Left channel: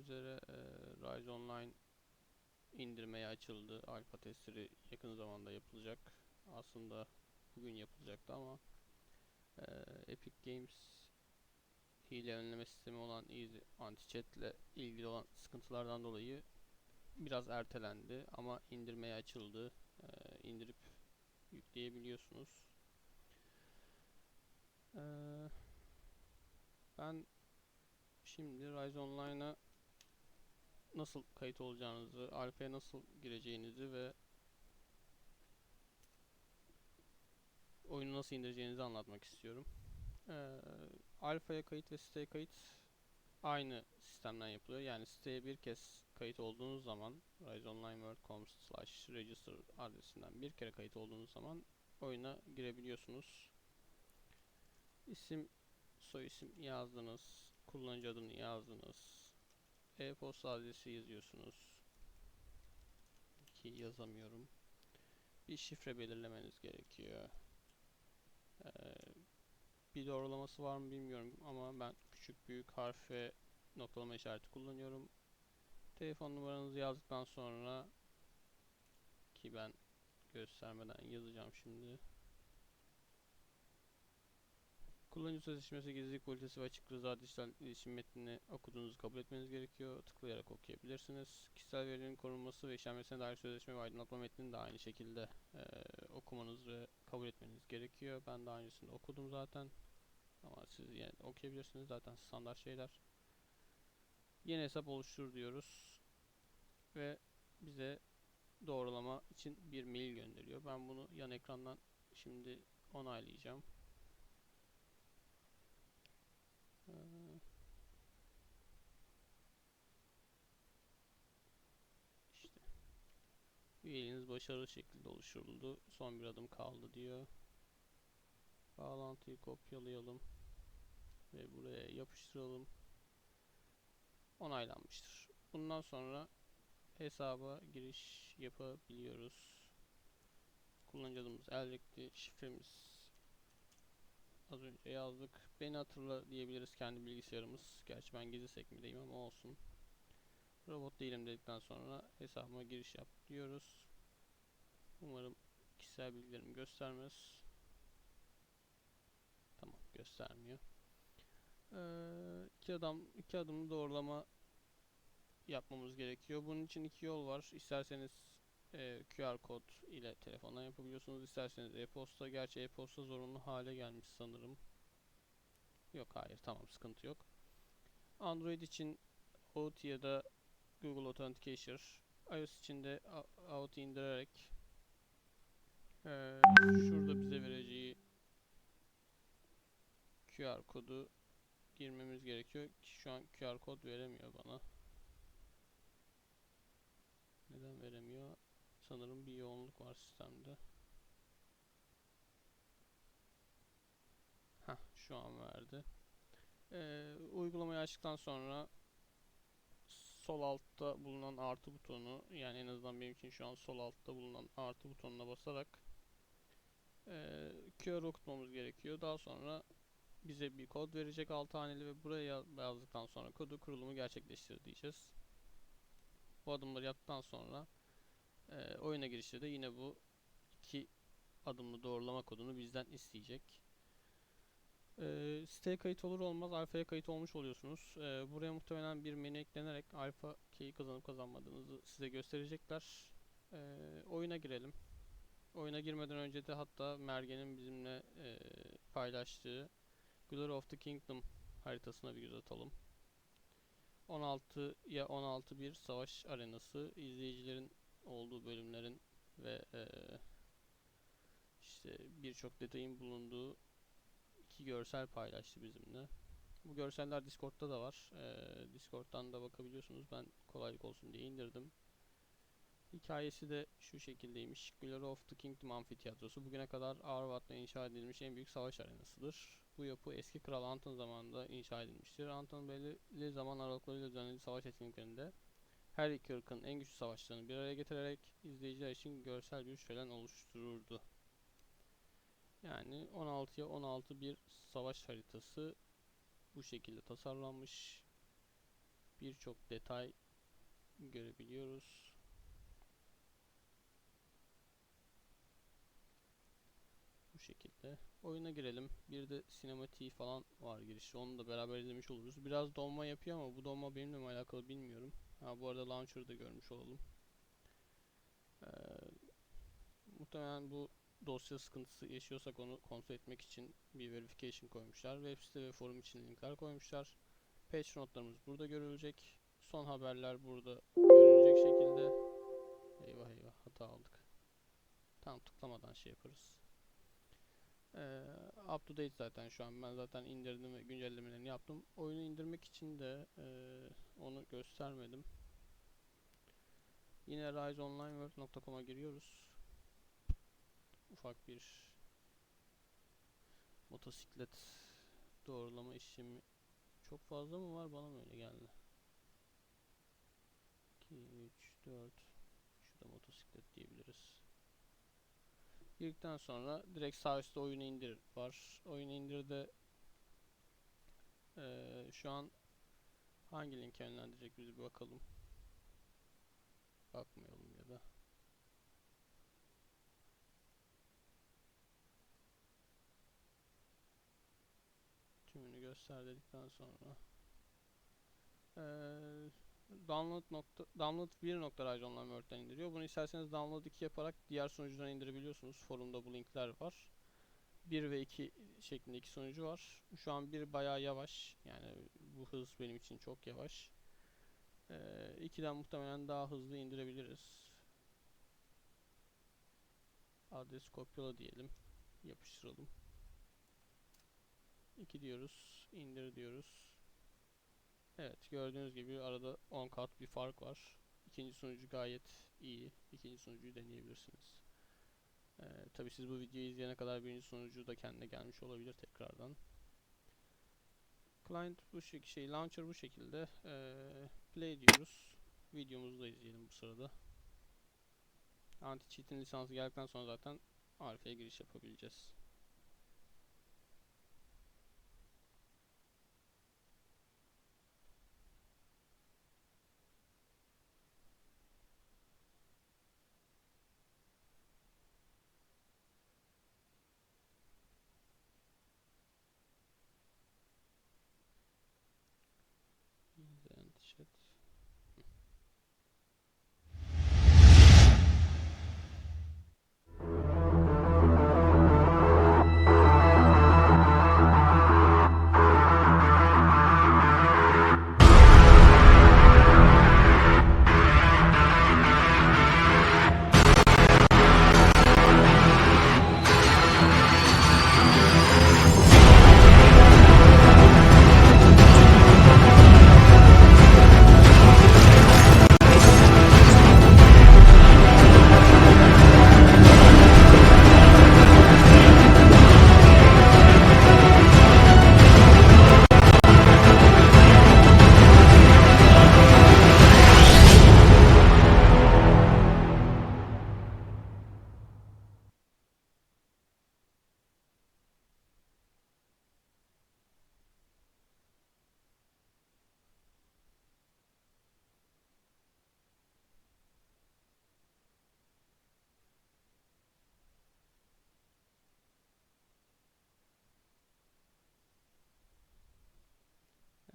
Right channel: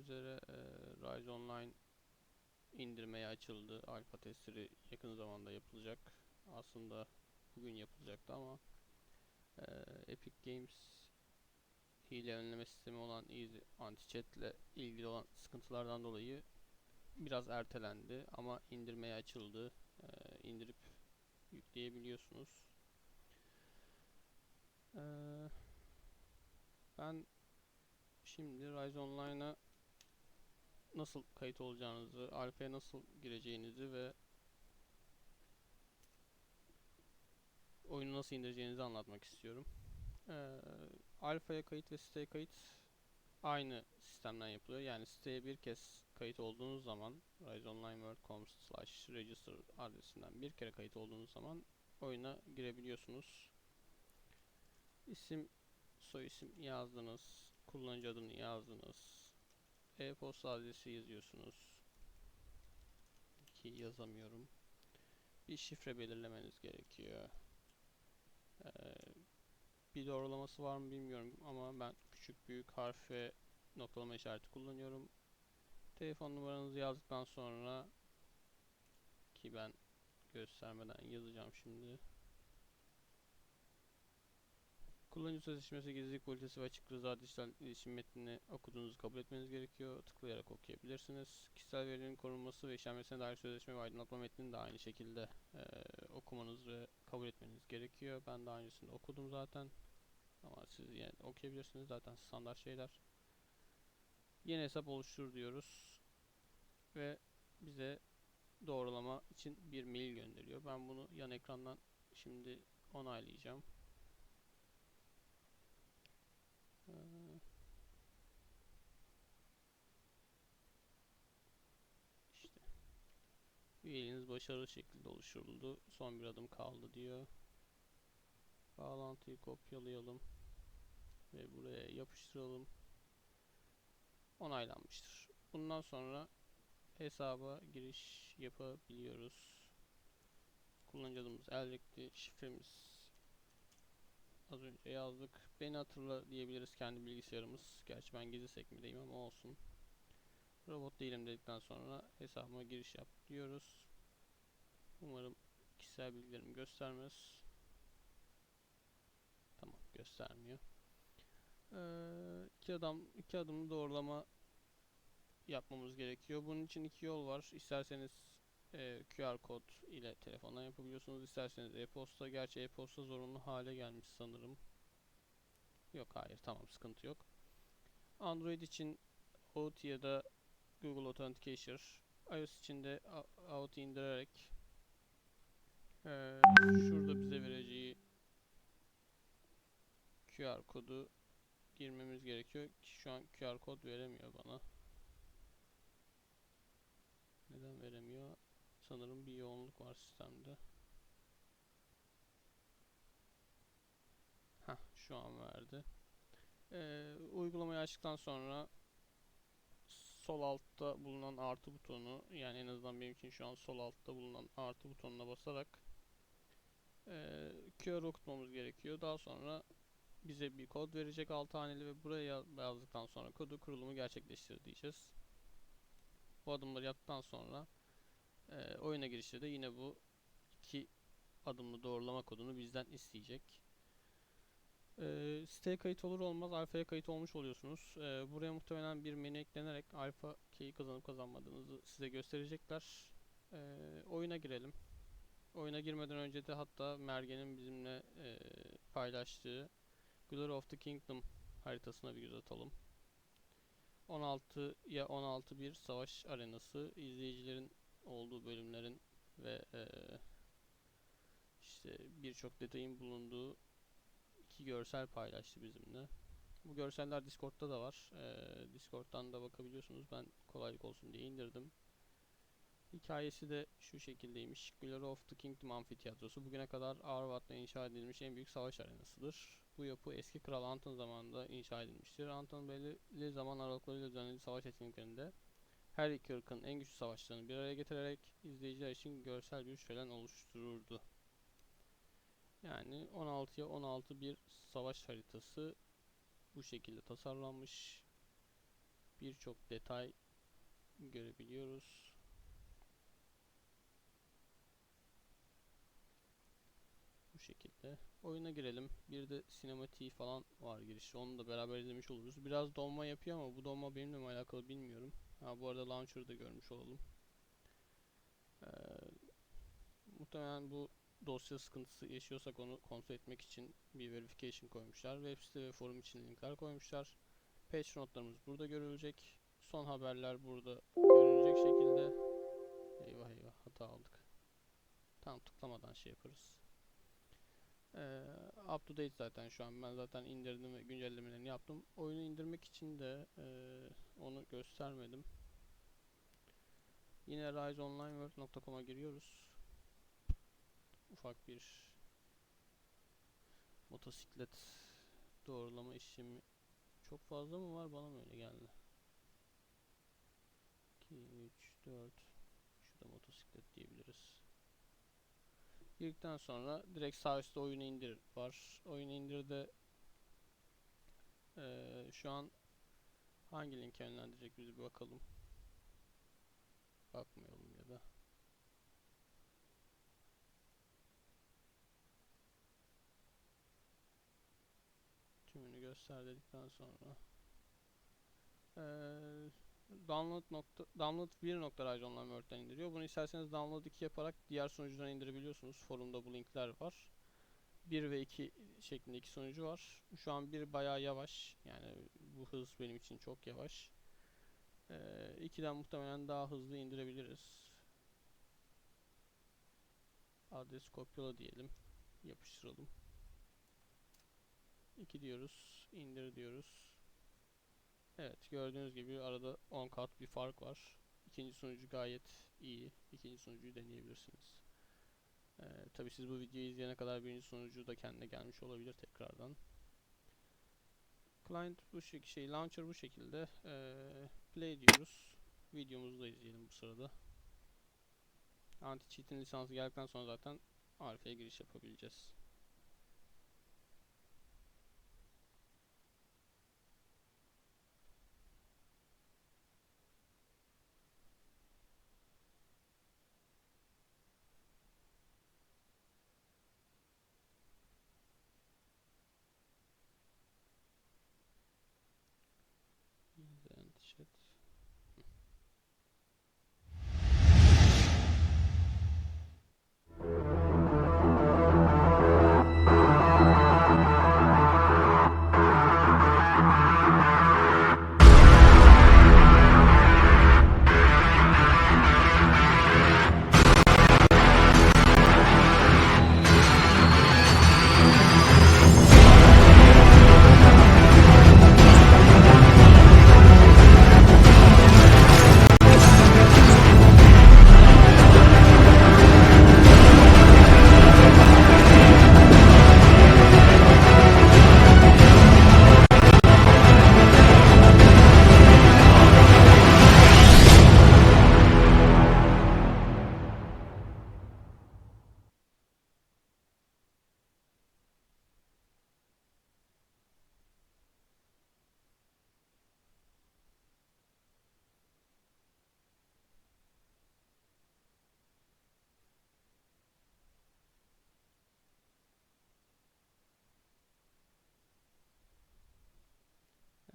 üzere e, Rise Online indirmeye açıldı. Alfa testleri yakın zamanda yapılacak. Aslında bugün yapılacaktı ama e, Epic Games hile önleme sistemi olan Easy Anti-Chat ile ilgili olan sıkıntılardan dolayı biraz ertelendi ama indirmeye açıldı. E, indirip yükleyebiliyorsunuz. Eee ben şimdi Rise Online'a nasıl kayıt olacağınızı, alfaya nasıl gireceğinizi ve oyunu nasıl indireceğinizi anlatmak istiyorum. Ee, alfaya kayıt ve siteye kayıt aynı sistemden yapılıyor. Yani siteye bir kez kayıt olduğunuz zaman riseonlineworld.com register adresinden bir kere kayıt olduğunuz zaman oyuna girebiliyorsunuz. İsim soy isim yazdınız, kullanıcı adını yazdınız, e-posta adresi yazıyorsunuz ki yazamıyorum. Bir şifre belirlemeniz gerekiyor. Ee, bir doğrulaması var mı bilmiyorum ama ben küçük büyük harf ve noktalama işareti kullanıyorum. Telefon numaranızı yazdıktan sonra ki ben göstermeden yazacağım şimdi. Kullanıcı sözleşmesi, gizlilik politikası ve açık rıza dijital iletişim metnini okuduğunuzu kabul etmeniz gerekiyor. Tıklayarak okuyabilirsiniz. Kişisel verilerin korunması ve işlenmesine dair sözleşme ve aydınlatma metnini de aynı şekilde e, okumanız ve kabul etmeniz gerekiyor. Ben daha öncesinde okudum zaten. Ama siz yine okuyabilirsiniz zaten standart şeyler. Yeni hesap oluştur diyoruz. Ve bize doğrulama için bir mail gönderiyor. Ben bunu yan ekrandan şimdi onaylayacağım. Üyeliğiniz başarılı şekilde oluşturuldu. Son bir adım kaldı diyor. Bağlantıyı kopyalayalım ve buraya yapıştıralım. Onaylanmıştır. Bundan sonra hesaba giriş yapabiliyoruz. Kullanıcı adımız eldekti. Şifremiz Az önce yazdık. Beni hatırla diyebiliriz kendi bilgisayarımız. Gerçi ben gizli sekmedeyim ama olsun. Robot değilim dedikten sonra hesabıma giriş yap diyoruz. Umarım kişisel bilgilerimi göstermez. Tamam göstermiyor. Ee, iki adam iki adımlı doğrulama yapmamız gerekiyor. Bunun için iki yol var. İsterseniz e, QR kod ile telefondan yapabiliyorsunuz. İsterseniz e-posta. Gerçi e-posta zorunlu hale gelmiş sanırım. Yok hayır tamam sıkıntı yok. Android için OAuth ya da Google Authenticator. iOS için de OAuth indirerek e, şurada bize vereceği QR kodu girmemiz gerekiyor ki şu an QR kod veremiyor bana. Neden veremiyor? Sanırım bir yoğunluk var sistemde. Heh, şu an verdi. Ee, uygulamayı açtıktan sonra sol altta bulunan artı butonu yani en azından benim için şu an sol altta bulunan artı butonuna basarak e, QR okutmamız gerekiyor. Daha sonra bize bir kod verecek 6 haneli ve buraya yazdıktan sonra kodu kurulumu gerçekleştir diyeceğiz. Bu adımları yaptıktan sonra e, oyuna girişte de yine bu iki adımlı doğrulama kodunu bizden isteyecek. E, siteye kayıt olur olmaz alfaya kayıt olmuş oluyorsunuz. E, buraya muhtemelen bir menü eklenerek alfa key'i kazanıp kazanmadığınızı size gösterecekler. E, oyuna girelim. Oyuna girmeden önce de hatta Mergen'in bizimle e, paylaştığı Glory of the Kingdom haritasına bir göz atalım. 16 ya 16 bir savaş arenası izleyicilerin olduğu bölümlerin ve e, işte birçok detayın bulunduğu iki görsel paylaştı bizimle. Bu görseller Discord'da da var. E, Discord'dan da bakabiliyorsunuz. Ben kolaylık olsun diye indirdim. Hikayesi de şu şekildeymiş. Glory of the Kingdom Amfiteyatrosu bugüne kadar Arvat'ta inşa edilmiş en büyük savaş arenasıdır. Bu yapı eski kral Anton zamanında inşa edilmiştir. Anton belirli zaman aralıklarıyla düzenlediği savaş etkinliklerinde her iki ırkın en güçlü savaşlarını bir araya getirerek izleyiciler için görsel bir şölen oluştururdu. Yani 16'ya 16 bir savaş haritası bu şekilde tasarlanmış. Birçok detay görebiliyoruz. Bu şekilde. Oyuna girelim. Bir de sinematiği falan var girişi. Onu da beraber izlemiş oluruz. Biraz donma yapıyor ama bu donma benimle mi alakalı bilmiyorum. Ha bu arada launcher'ı da görmüş olalım. Ee, muhtemelen bu dosya sıkıntısı yaşıyorsak onu kontrol etmek için bir verification koymuşlar. Web site ve forum için linkler koymuşlar. Patch notlarımız burada görülecek. Son haberler burada görünecek şekilde. Eyvah eyvah hata aldık. Tam tıklamadan şey yaparız. Ee, up to date zaten şu an. Ben zaten indirdim ve güncellemelerini yaptım. Oyunu indirmek için de e, onu göstermedim. Yine riseonlineworld.com'a giriyoruz. Ufak bir motosiklet doğrulama işlemi çok fazla mı var bana mı öyle geldi? 2, 3, 4 Şurada motosiklet diyebiliriz. Girdikten sonra direkt sağ üstte oyunu indir var. Oyunu indirde eee şu an hangi linke yönlendirecek bizi bir bakalım. Bakmayalım ya da. Tümünü göster dedikten sonra eee download nokta download 1.riseonline indiriyor. Bunu isterseniz download 2 yaparak diğer sunucudan indirebiliyorsunuz. Forumda bu linkler var. 1 ve 2 şeklinde iki sunucu var. Şu an bir bayağı yavaş. Yani bu hız benim için çok yavaş. Ee, 2'den muhtemelen daha hızlı indirebiliriz. Adres kopyala diyelim. Yapıştıralım. 2 diyoruz. indir diyoruz. Evet gördüğünüz gibi arada 10 kat bir fark var. İkinci sunucu gayet iyi. İkinci sunucuyu deneyebilirsiniz. Ee, Tabi siz bu videoyu izleyene kadar birinci sunucu da kendine gelmiş olabilir tekrardan. Client bu şekilde, şey launcher bu şekilde. Ee, play diyoruz. Videomuzu da izleyelim bu sırada. Anti cheat'in lisansı geldikten sonra zaten Alfa'ya giriş yapabileceğiz.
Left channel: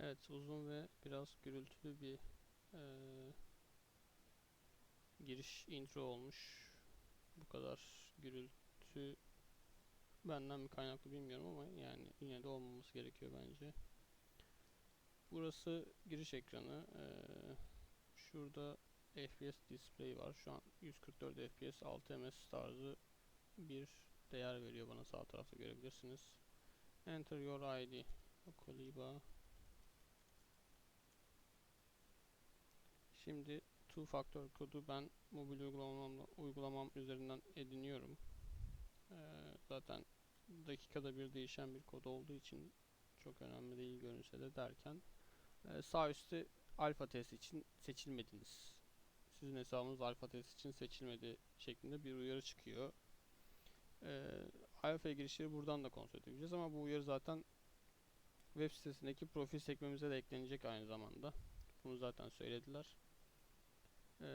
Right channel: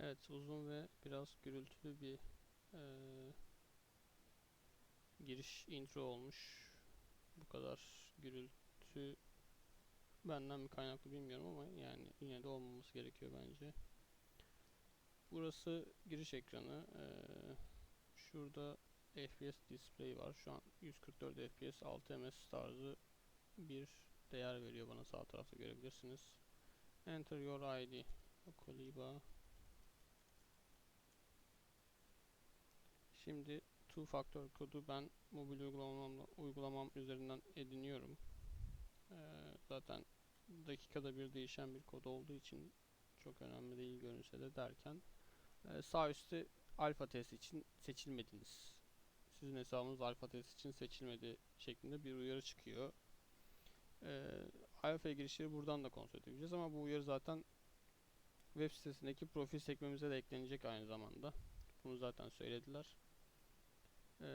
Evet uzun ve biraz gürültülü bir eee, giriş intro olmuş. Bu kadar gürültü benden mi kaynaklı bilmiyorum ama yani yine de olmaması gerekiyor bence. Burası giriş ekranı. Eee, şurada FPS display var. Şu an 144 FPS 6 ms tarzı bir değer veriyor bana sağ tarafta görebilirsiniz. Enter your ID. Koliba Şimdi two factor kodu ben mobil uygulamamla, uygulamam üzerinden ediniyorum. Ee, zaten dakikada bir değişen bir kod olduğu için çok önemli değil görünse de derken e, sağ üstte alfa test için seçilmediniz. Sizin hesabınız alfa test için seçilmedi şeklinde bir uyarı çıkıyor. Ee, alfa girişleri buradan da kontrol edebileceğiz ama bu uyarı zaten web sitesindeki profil sekmemize de eklenecek aynı zamanda. Bunu zaten söylediler. Ee,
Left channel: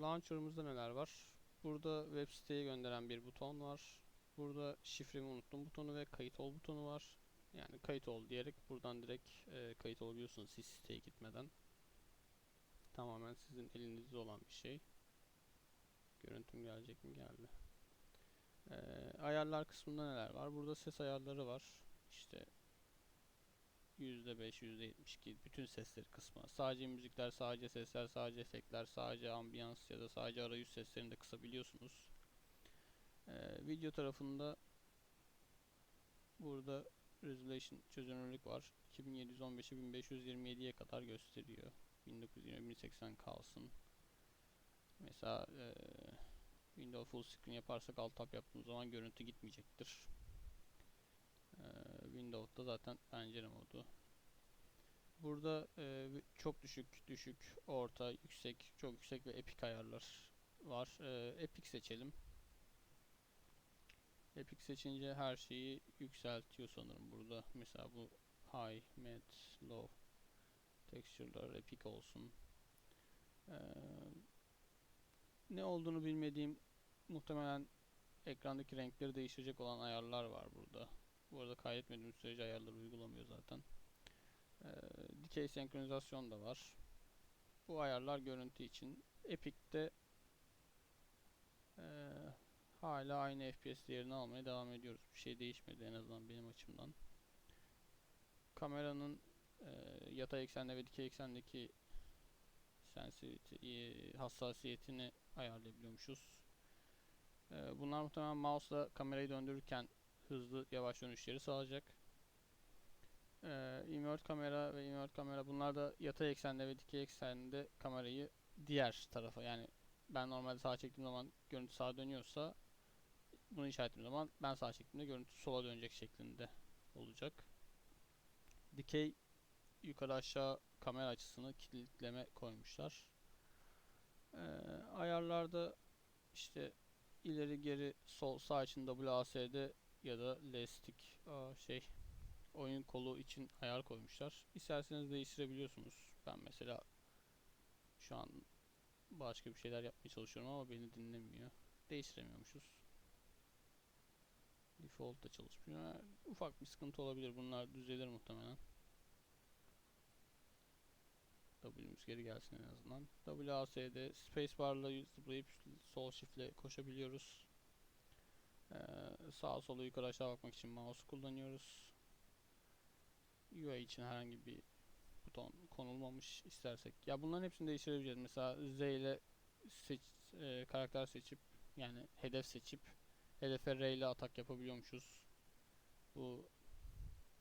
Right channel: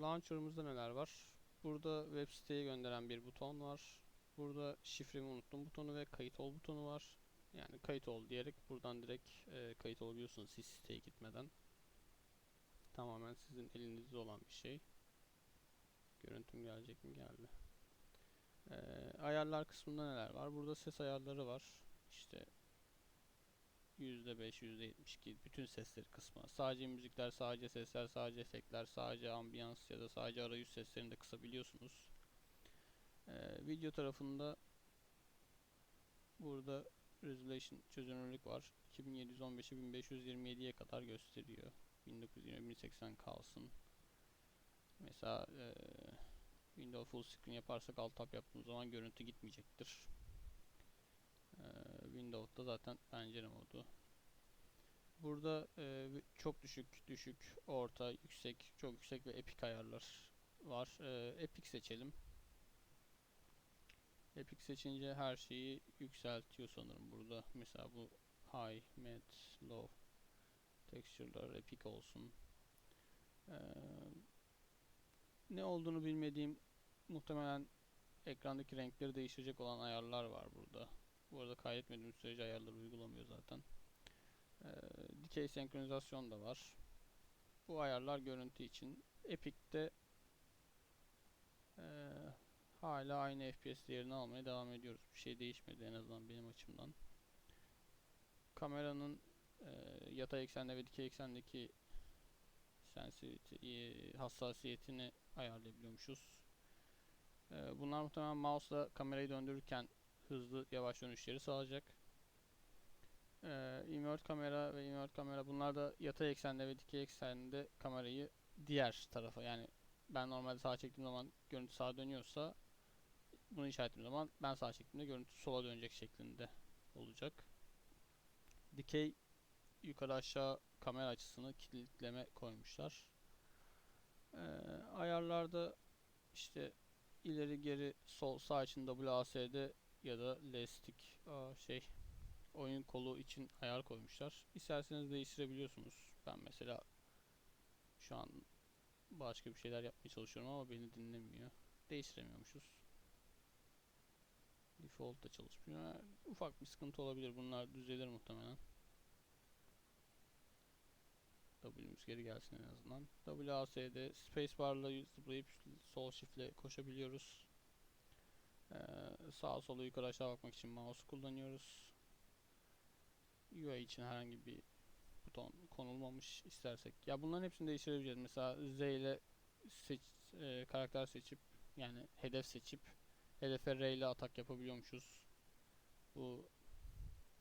launcher'ımızda neler var? Burada web siteye gönderen bir buton var. Burada şifremi unuttum butonu ve kayıt ol butonu var. Yani kayıt ol diyerek buradan direkt e, kayıt olabiliyorsunuz siz siteye gitmeden. Tamamen sizin elinizde olan bir şey. Görüntüm gelecek mi? Geldi. Ee, ayarlar kısmında neler var? Burada ses ayarları var. İşte %5, %72 bütün sesleri kısmı. Sadece müzikler, sadece sesler, sadece efektler, sadece ambiyans ya da sadece arayüz seslerini de kısabiliyorsunuz. Ee, video tarafında burada resolution çözünürlük var. 2715'i 1527'ye kadar gösteriyor. 1920-1080 kalsın. Mesela eee Windows full screen yaparsak alt tab yaptığımız zaman görüntü gitmeyecektir. Eee Windows'da zaten pencere modu. Burada eee, çok düşük, düşük, orta, yüksek, çok yüksek ve epic ayarlar var. Eee, epic seçelim. Epic seçince her şeyi yükseltiyor sanırım burada. Mesela bu high, mid, low texture'lar epic olsun. Eee, ne olduğunu bilmediğim muhtemelen ekrandaki renkleri değiştirecek olan ayarlar var burada. Bu arada kaydetmediğim sürece ayarları uygulamıyor zaten. Eee, dikey senkronizasyon da var. Bu ayarlar görüntü için. Epic'te eee, hala aynı FPS değerini almaya devam ediyoruz. Bir şey değişmedi en azından benim açımdan. Kameranın eee, yatay eksende ve dikey eksendeki sensitivity, eee, hassasiyetini ayarlayabiliyormuşuz. Eee, bunlar muhtemelen mouse'la kamerayı döndürürken hızlı yavaş dönüşleri sağlayacak. Eee invert kamera ve invert kamera bunlar da yatay eksende ve dikey eksende kamerayı diğer tarafa yani ben normalde sağa çektiğim zaman görüntü sağa dönüyorsa bunu işaretlediğim zaman ben sağa çektiğimde görüntü sola dönecek şeklinde olacak. Dikey yukarı aşağı kamera açısını kilitleme koymuşlar. Eee, ayarlarda işte ileri geri sol sağ için WASD ya da L stick aa, şey oyun kolu için ayar koymuşlar. İsterseniz değiştirebiliyorsunuz. Ben mesela şu an başka bir şeyler yapmaya çalışıyorum ama beni dinlemiyor. Değiştiremiyormuşuz. Default da çalışmıyor. Ufak bir sıkıntı olabilir. Bunlar düzelir muhtemelen. W'miz geri gelsin en azından. WASD spacebar'la zıplayıp sol shift'le koşabiliyoruz. Ee, sağa sola yukarı aşağı bakmak için mouse kullanıyoruz. UI için herhangi bir buton konulmamış istersek. Ya bunların hepsini değiştirebileceğiz. Mesela Z ile seç, e, karakter seçip yani hedef seçip hedefe R ile atak yapabiliyormuşuz. Bu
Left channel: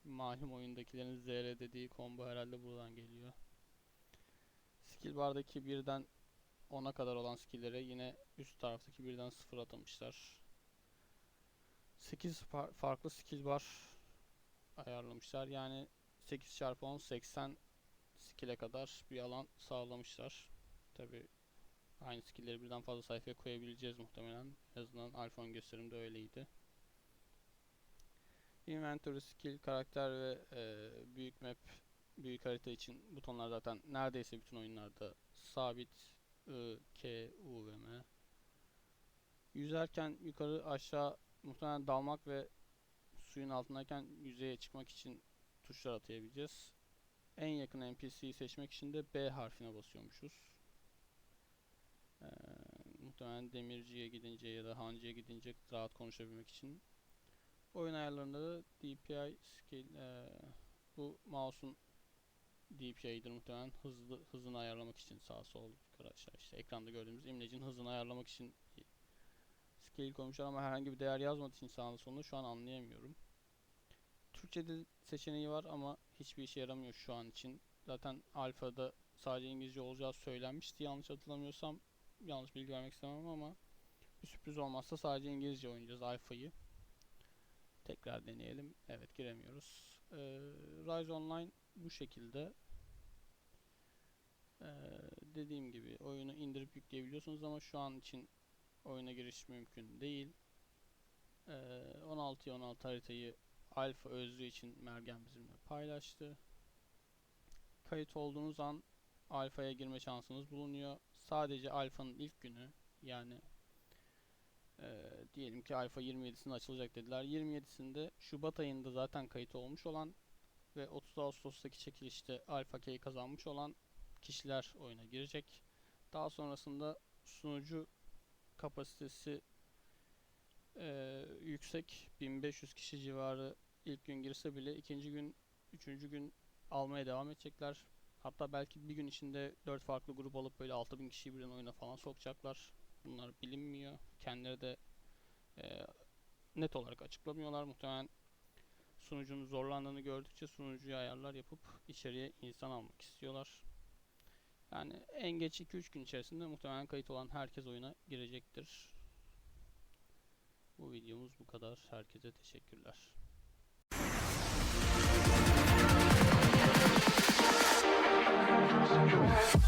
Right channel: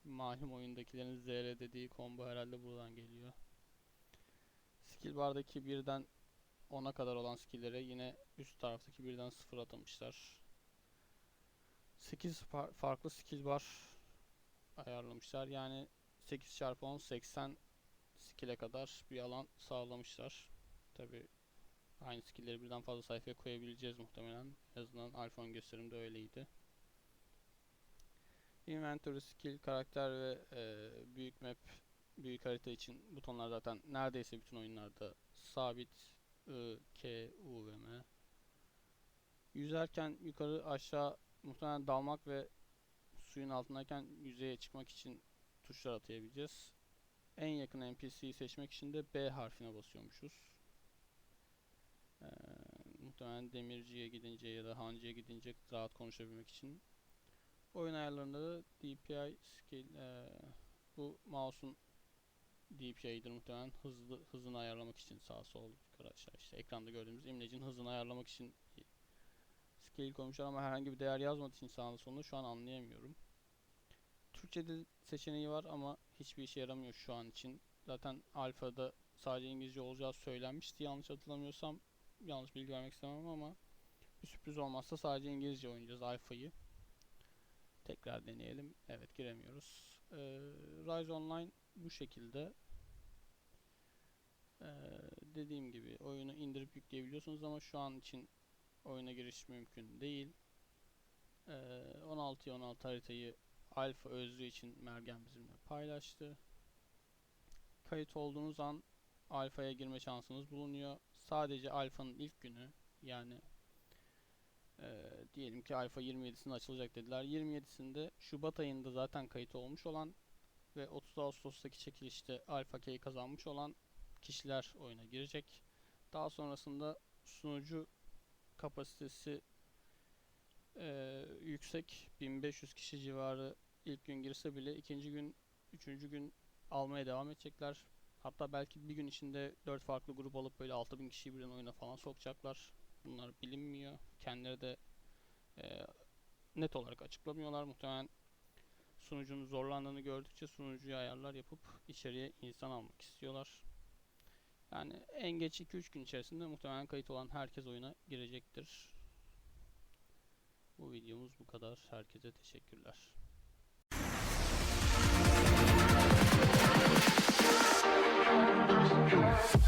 malum oyundakilerin ZR dediği combo herhalde buradan geliyor. Skill bardaki birden 10'a kadar olan skill'lere yine üst taraftaki birden 0 atamışlar. 8 far- farklı skill bar ayarlamışlar. Yani 8 çarpı 10 80 skill'e kadar bir alan sağlamışlar. Tabi aynı skill'leri birden fazla sayfaya koyabileceğiz muhtemelen. En azından iPhone gösterimde öyleydi. Inventory, skill, karakter ve e, büyük map, büyük harita için butonlar zaten neredeyse bütün oyunlarda sabit. I, K, U ve M. Yüzerken yukarı aşağı muhtemelen dalmak ve suyun altındayken yüzeye çıkmak için tuşlar atayabileceğiz. En yakın NPC'yi seçmek için de B harfine basıyormuşuz. Ee, muhtemelen demirciye gidince ya da hancıya gidince rahat konuşabilmek için. Oyun ayarlarında da DPI skill ee, bu mouse'un DPI'dir muhtemelen hızlı hızını ayarlamak için sağ sol yukarı aşağı işte ekranda gördüğümüz imlecin hızını ayarlamak için scale koymuşlar ama herhangi bir değer yazmadığı için sağında solunda şu an anlayamıyorum. Türkçe dil seçeneği var ama hiçbir işe yaramıyor şu an için. Zaten alfada sadece İngilizce olacağı söylenmişti yanlış hatırlamıyorsam. Yanlış bilgi vermek istemem ama bir sürpriz olmazsa sadece İngilizce oynayacağız alfayı. Tekrar deneyelim. Evet giremiyoruz. Ee, Rise Online bu şekilde. Ee, dediğim gibi oyunu indirip yükleyebiliyorsunuz ama şu an için oyuna giriş mümkün değil. Ee, 16'ya 16 haritayı alfa özlüğü için Mergen bizimle paylaştı. Kayıt olduğunuz an alfaya girme şansınız bulunuyor. Sadece alfanın ilk günü yani eee, diyelim ki alfa 27'sinde açılacak dediler. 27'sinde Şubat ayında zaten kayıt olmuş olan ve 30 Ağustos'taki çekilişte alfa K'yi kazanmış olan kişiler oyuna girecek. Daha sonrasında sunucu kapasitesi eee, yüksek 1500 kişi civarı ilk gün girse bile ikinci gün, üçüncü gün almaya devam edecekler. Hatta belki bir gün içinde 4 farklı grup alıp böyle 6000 kişiyi birden oyuna falan sokacaklar. Bunlar bilinmiyor. Kendileri de eee, net olarak açıklamıyorlar. Muhtemelen sunucunun zorlandığını gördükçe sunucuya ayarlar yapıp içeriye insan almak istiyorlar. Yani en geç 2-3 gün içerisinde muhtemelen kayıt olan herkes oyuna girecektir. Bu videomuz bu kadar. Herkese teşekkürler. Just